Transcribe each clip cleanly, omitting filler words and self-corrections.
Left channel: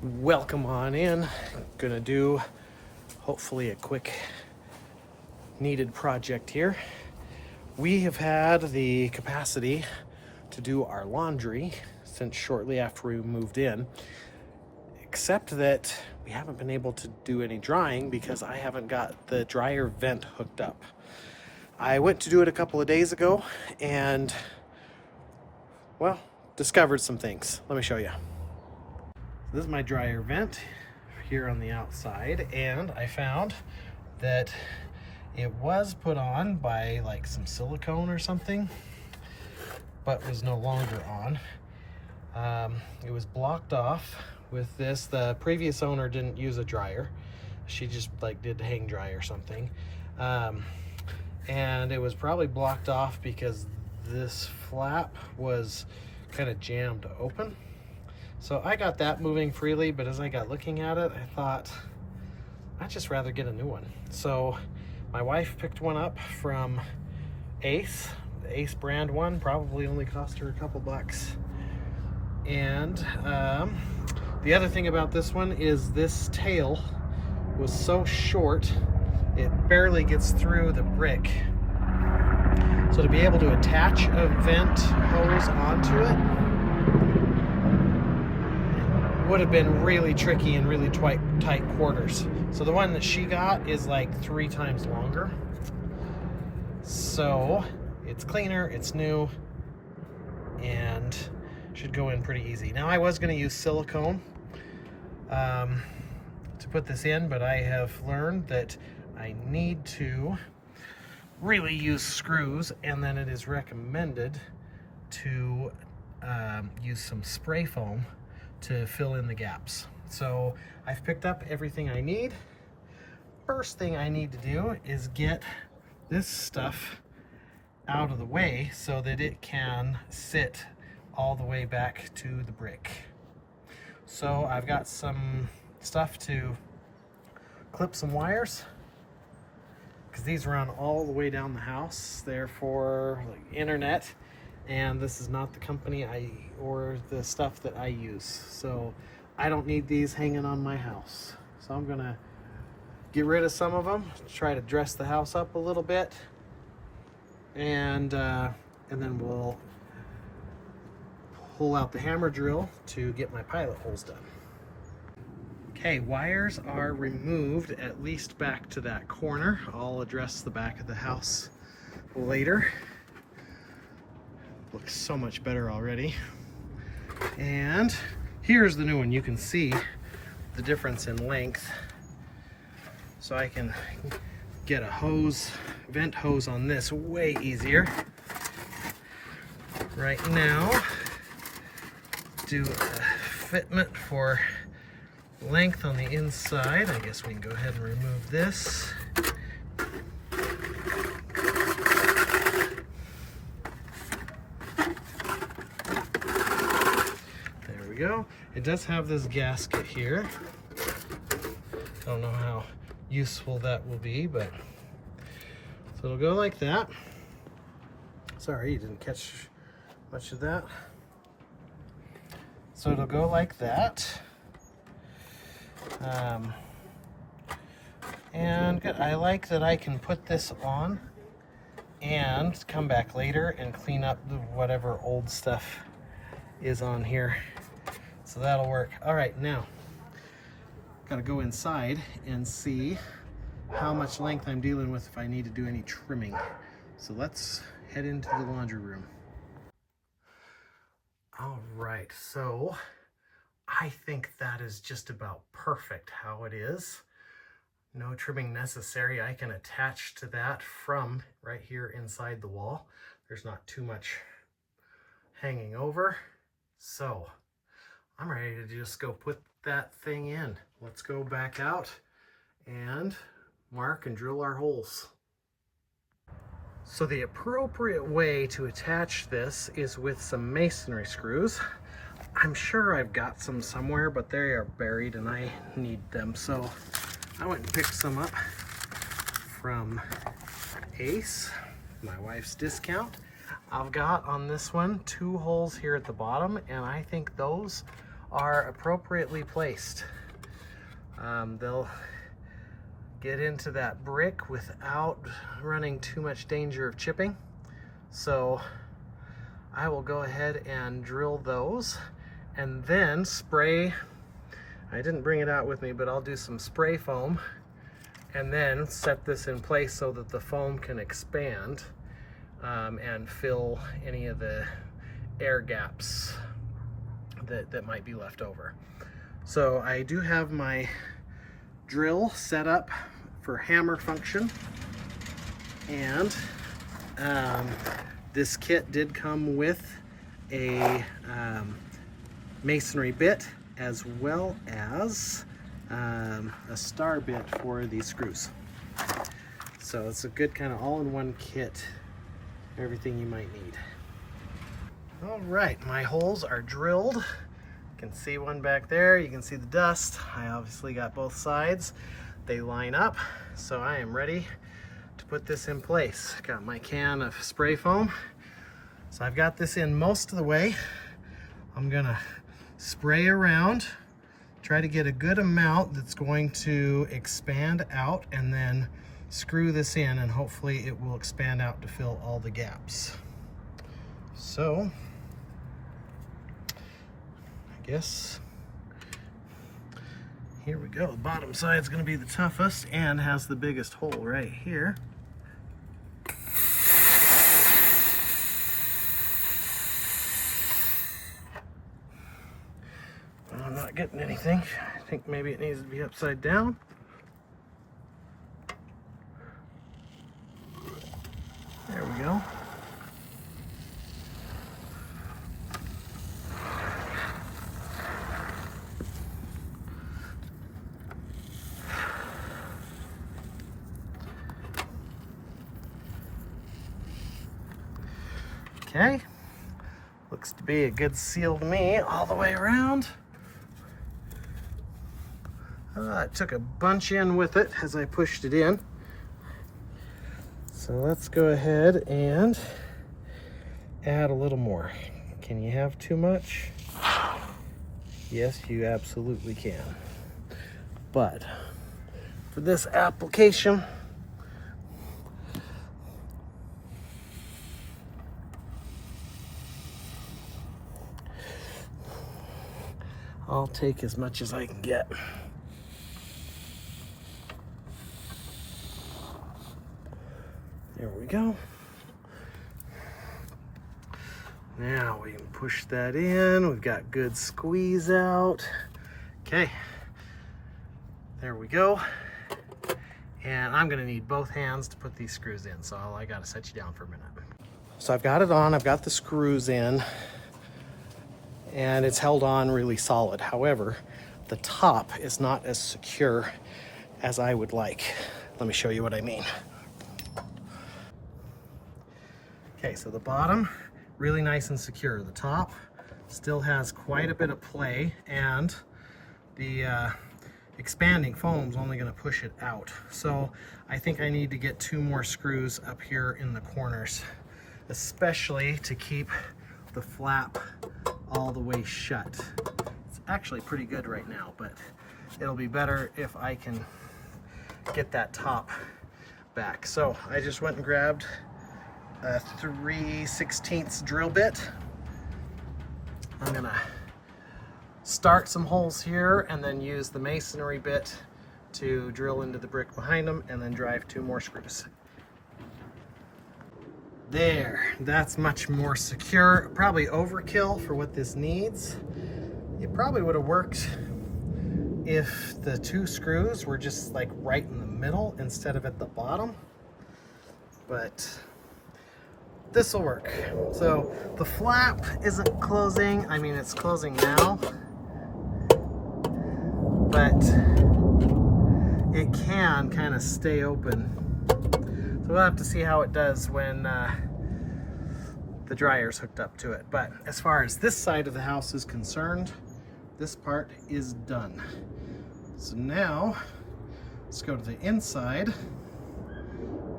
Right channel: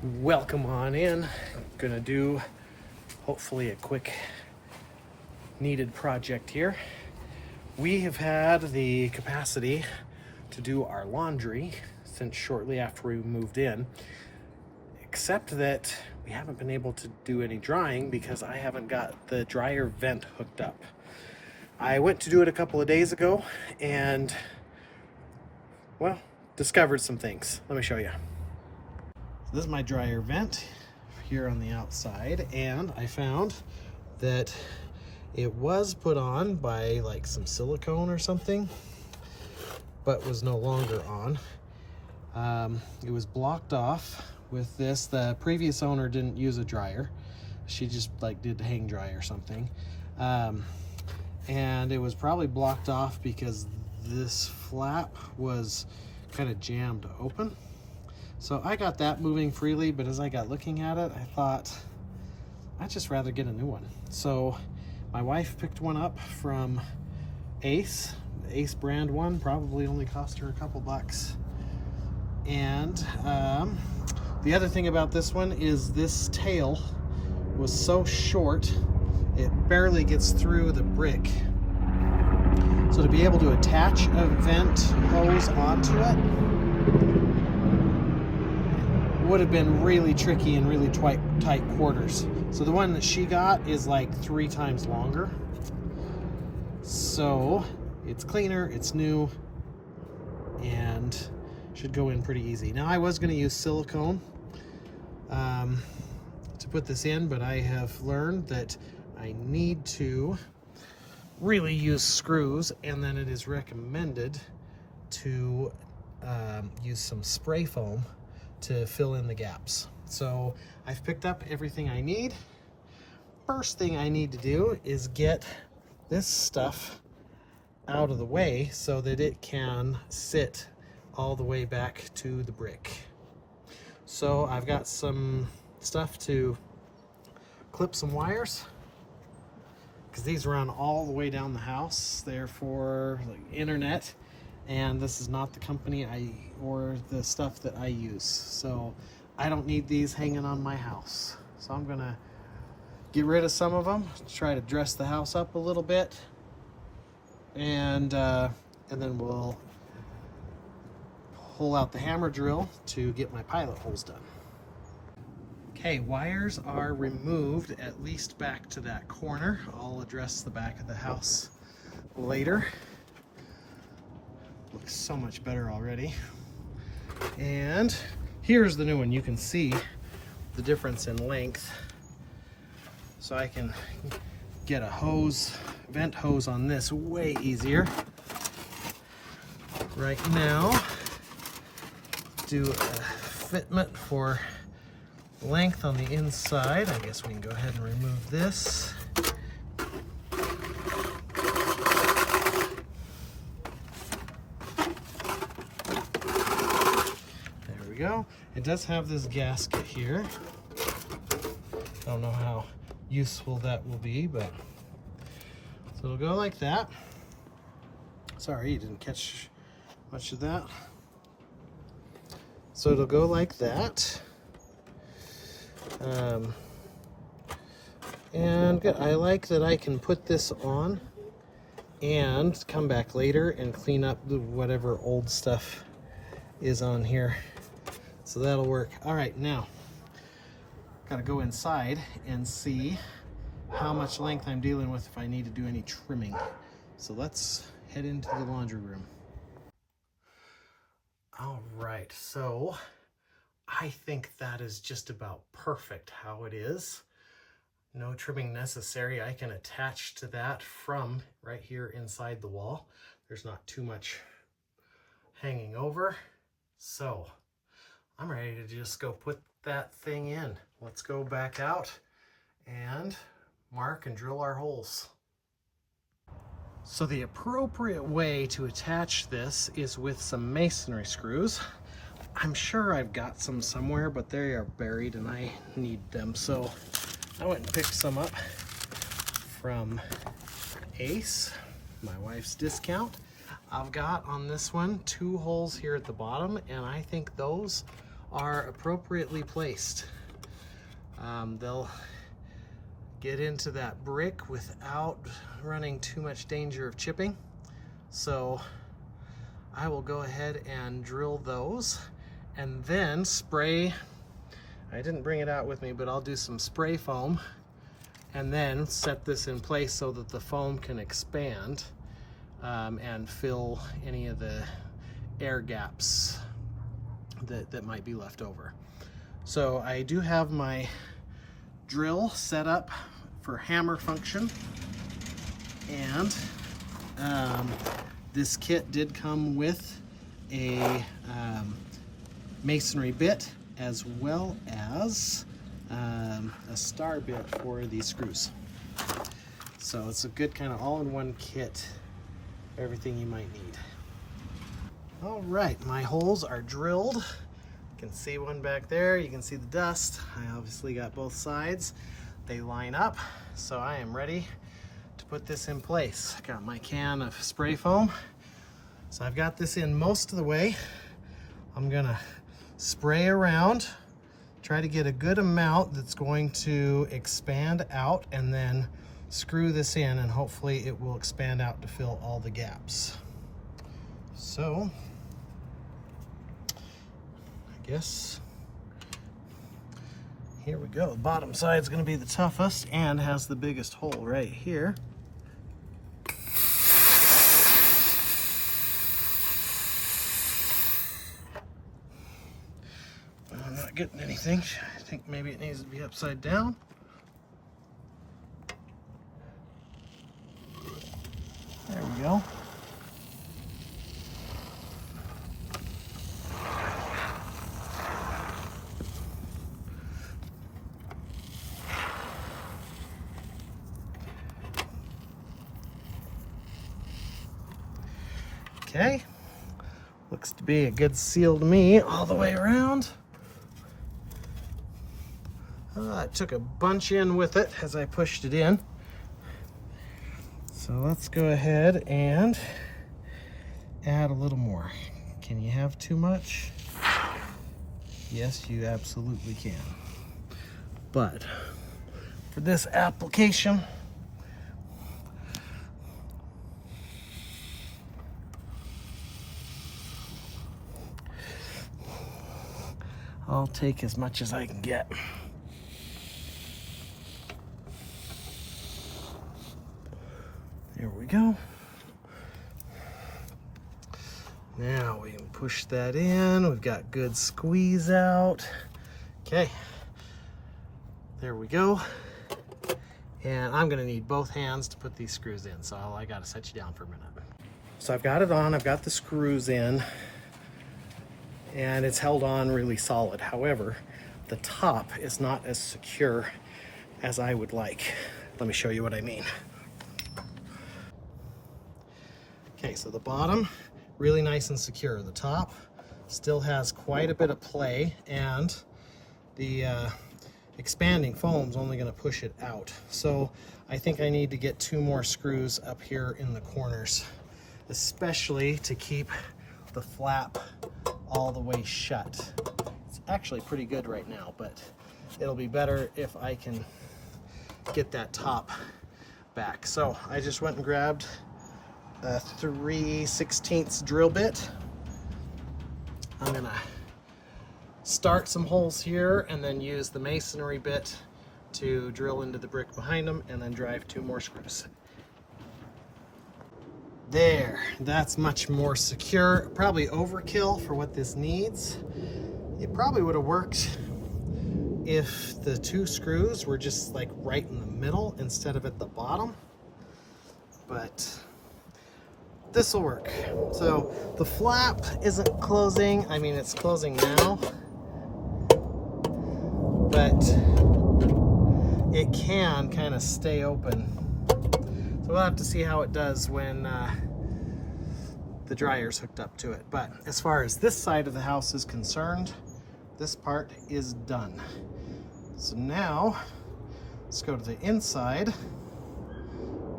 Welcome on in. Gonna do hopefully a quick needed project here. We have had the capacity to do our laundry since shortly after we moved in, except that we haven't been able to do any drying because I haven't got the dryer vent hooked up. I went to do it a couple of days ago and, well, discovered some things. Let me show you. This is my dryer vent here on the outside, and I found that it was put on by like some silicone or something, but was no longer on. It was blocked off with this. The previous owner didn't use a dryer. She just like did hang dry or something. And it was probably blocked off because this flap was kind of jammed open. So I got that moving freely, but as I got looking at it, I thought I'd just rather get a new one. So my wife picked one up from Ace, the Ace brand one, probably only cost her a couple bucks. And the other thing about this one is this tail was so short, it barely gets through the brick. So to be able to attach a vent hose onto it would have been really tricky and really tight quarters. So the one that she got is like 3 times longer. So it's cleaner, it's new, and should go in pretty easy. Now I was going to use silicone to put this in, but I have learned that I need to really use screws, and then it is recommended to use some spray foam to fill in the gaps. So I've picked up everything I need. First thing I need to do is get this stuff out of the way so that it can sit all the way back to the brick. So I've got some stuff to clip some wires, because these run all the way down the house. They're for like internet, and this is not the company or the stuff that I use. So I don't need these hanging on my house. So I'm gonna get rid of some of them, try to dress the house up a little bit, and then we'll pull out the hammer drill to get my pilot holes done. Okay, wires are removed at least back to that corner. I'll address the back of the house later. Looks so much better already. And here's the new one. You can see the difference in length. So I can get a hose, vent hose on this way easier. Right now, do a fitment for length on the inside. I guess we can go ahead and remove this. Go. It does have this gasket here. Don't know how useful that will be, but so it'll go like that. Sorry, you didn't catch much of that. So it'll go like that. And I like that I can put this on and come back later and clean up whatever old stuff is on here. So that'll work. All right, now gotta go inside and see how much length I'm dealing with if I need to do any trimming. So let's head into the laundry room. All right, so I think that is just about perfect how it is. No trimming necessary. I can attach to that from right here inside the wall. There's not too much hanging over. So I'm ready to just go put that thing in. Let's go back out and mark and drill our holes. So the appropriate way to attach this is with some masonry screws. I'm sure I've got some somewhere, but they are buried and I need them. So I went and picked some up from Ace, my wife's discount. I've got on this one 2 holes here at the bottom, and I think those are appropriately placed. They'll get into that brick without running too much danger of chipping. So I will go ahead and drill those and then spray. I didn't bring it out with me, but I'll do some spray foam and then set this in place so that the foam can expand and fill any of the air gaps that might be left over. So I do have my drill set up for hammer function, and this kit did come with a masonry bit as well as a star bit for these screws. So it's a good kind of all-in-one kit, everything you might need. All right, my holes are drilled. You can see one back there, you can see the dust. I obviously got both sides. They line up, so I am ready to put this in place. Got my can of spray foam. So I've got this in most of the way. I'm gonna spray around, try to get a good amount that's going to expand out, and then screw this in, and hopefully it will expand out to fill all the gaps. So I guess here we go. The bottom side is going to be the toughest and has the biggest hole right here. I'm not getting anything. I think maybe it needs to be upside down. There we go. Okay, looks to be a good seal to me all the way around. I took a bunch in with it as I pushed it in. So let's go ahead and add a little more. Can you have too much? Yes, you absolutely can. But for this application, I'll take as much as I can get. There we go. Now we can push that in. We've got good squeeze out. Okay, there we go. And I'm gonna need both hands to put these screws in, so I gotta set you down for a minute. So I've got it on, I've got the screws in, and it's held on really solid. However, the top is not as secure as I would like. Let me show you what I mean. Okay, so the bottom, really nice and secure. The top still has quite a bit of play, and the expanding foam's only gonna push it out. So I think I need to get 2 more screws up here in the corners, especially to keep the flap all the way shut. It's actually pretty good right now, but it'll be better if I can get that top back. So I just went and grabbed a 3/16 drill bit. I'm gonna start some holes here and then use the masonry bit to drill into the brick behind them and then drive 2 more screws. There, that's much more secure. Probably overkill for what this needs. It probably would have worked if the 2 screws were just like right in the middle instead of at the bottom, but this will work. So the flap isn't closing. I mean, it's closing now, but it can kind of stay open. So we'll have to see how it does when the dryer's hooked up to it. But as far as this side of the house is concerned, this part is done. So now let's go to the inside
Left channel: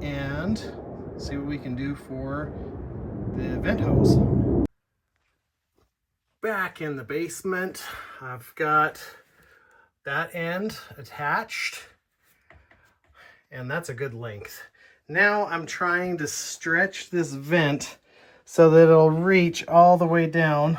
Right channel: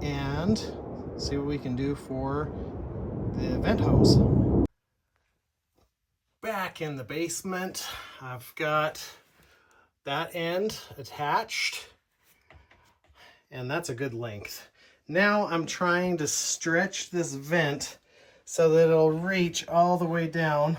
and see what we can do for the vent hose. Back back in the basement. I've got that end attached, and that's a good length. Now I'm trying to stretch this vent so that it'll reach all the way down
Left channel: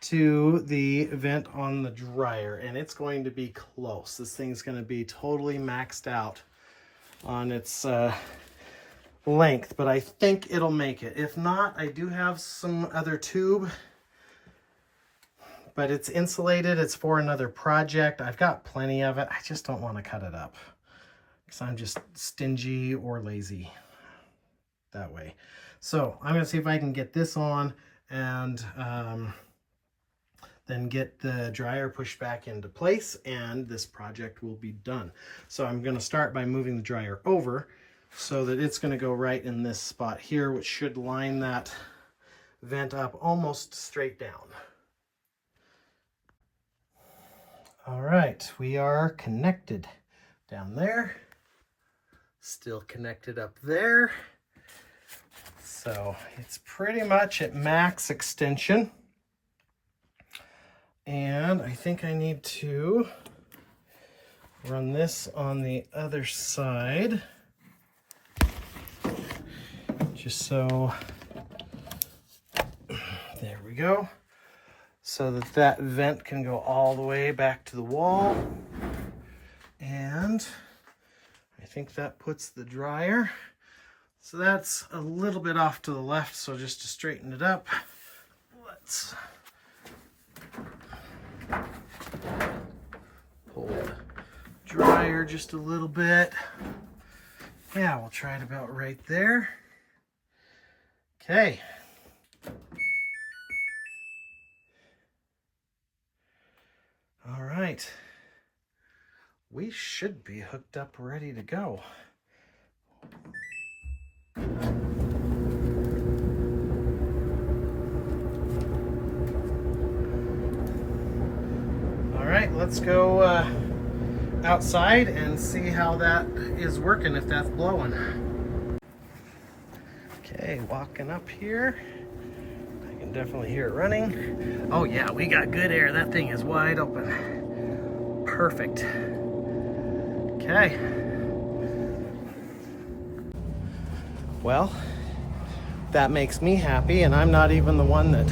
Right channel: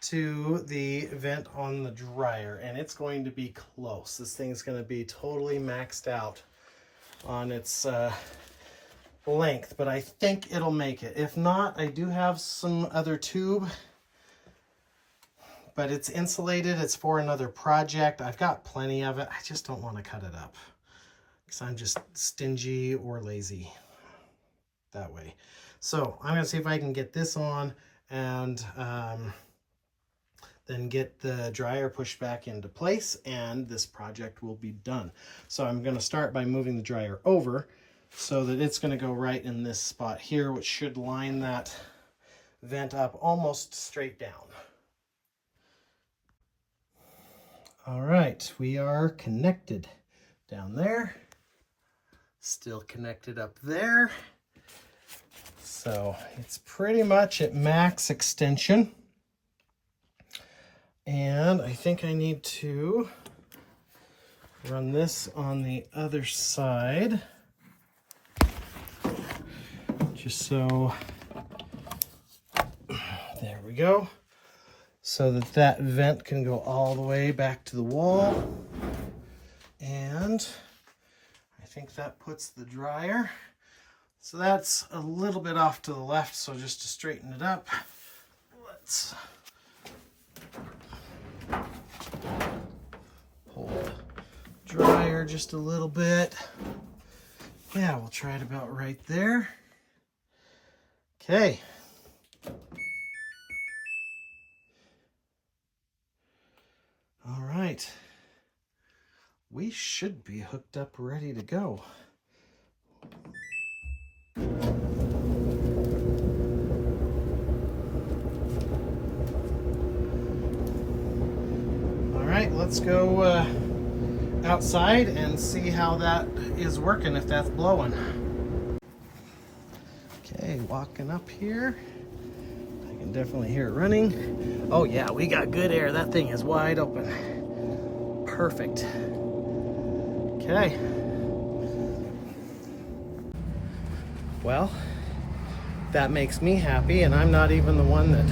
to the vent on the dryer, and it's going to be close. This thing's going to be totally maxed out on its length, but I think it'll make it. If not, I do have some other tube, but it's insulated. It's for another project. I've got plenty of it. I just don't want to cut it up because I'm just stingy or lazy that way. So I'm going to see if I can get this on and then get the dryer pushed back into place, and this project will be done. So I'm going to start by moving the dryer over so that it's going to go right in this spot here, which should line that vent up almost straight down. All right, we are connected down there, still connected up there. So it's pretty much at max extension. And I think I need to run this on the other side, just so, there we go, so that that vent can go all the way back to the wall. And I think that puts the dryer. So that's a little bit off to the left, so just to straighten it up, let's pull the dryer just a little bit. Yeah, we'll try it about right there. Okay. All right. We should be hooked up, ready to go. All right, let's go outside and see how that is working, if that's blowing. Okay, walking up here. I can definitely hear it running. Oh yeah, we got good air. That thing is wide open. Perfect. Okay. Well, that makes me happy, and I'm not even the one that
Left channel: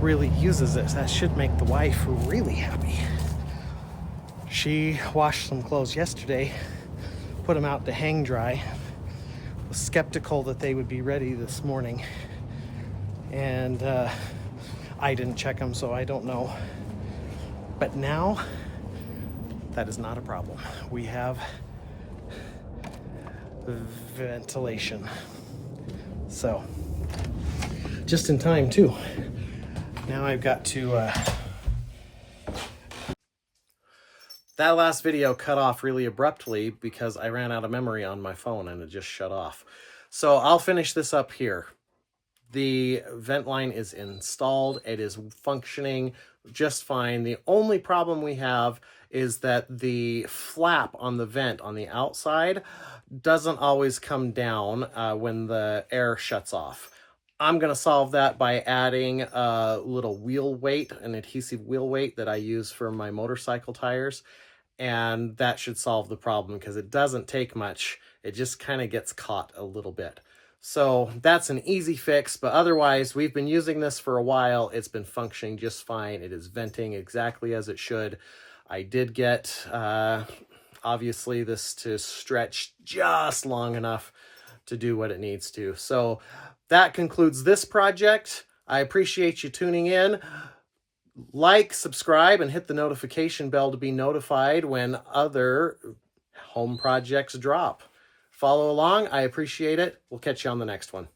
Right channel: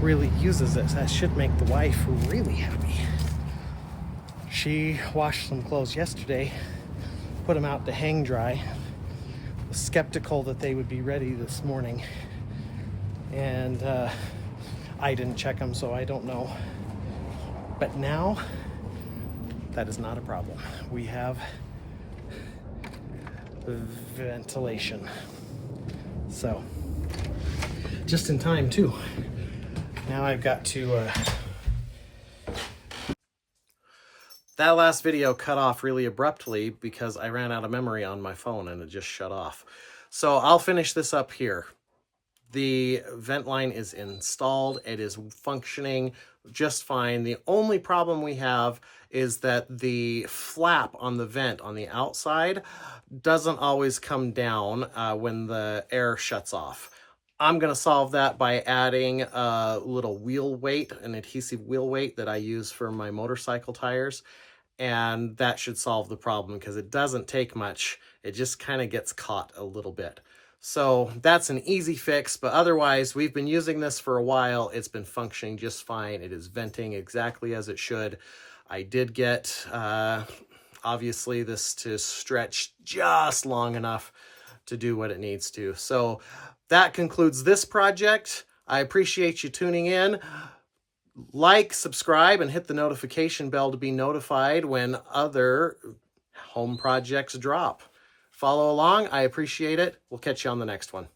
really uses it. That should make the wife really happy. She washed some clothes yesterday, put them out to hang dry. Was skeptical that they would be ready this morning, and I didn't check them, so I don't know. But now, that is not a problem. We have ventilation. So, just in time too. Now I've got to... That last video cut off really abruptly because I ran out of memory on my phone and it just shut off. So I'll finish this up here. The vent line is installed. It is functioning just fine. The only problem we have is that the flap on the vent on the outside doesn't always come down when the air shuts off. I'm going to solve that by adding a little wheel weight, an adhesive wheel weight that I use for my motorcycle tires. And that should solve the problem because it doesn't take much. It just kind of gets caught a little bit. So that's an easy fix, but otherwise we've been using this for a while. It's been functioning just fine. It is venting exactly as it should. I did get, obviously, this to stretch just long enough to do what it needs to. So that concludes this project. I appreciate you tuning in. Like, subscribe, and hit the notification bell to be notified when other home projects drop. Follow along. I appreciate it. We'll catch you on the next one.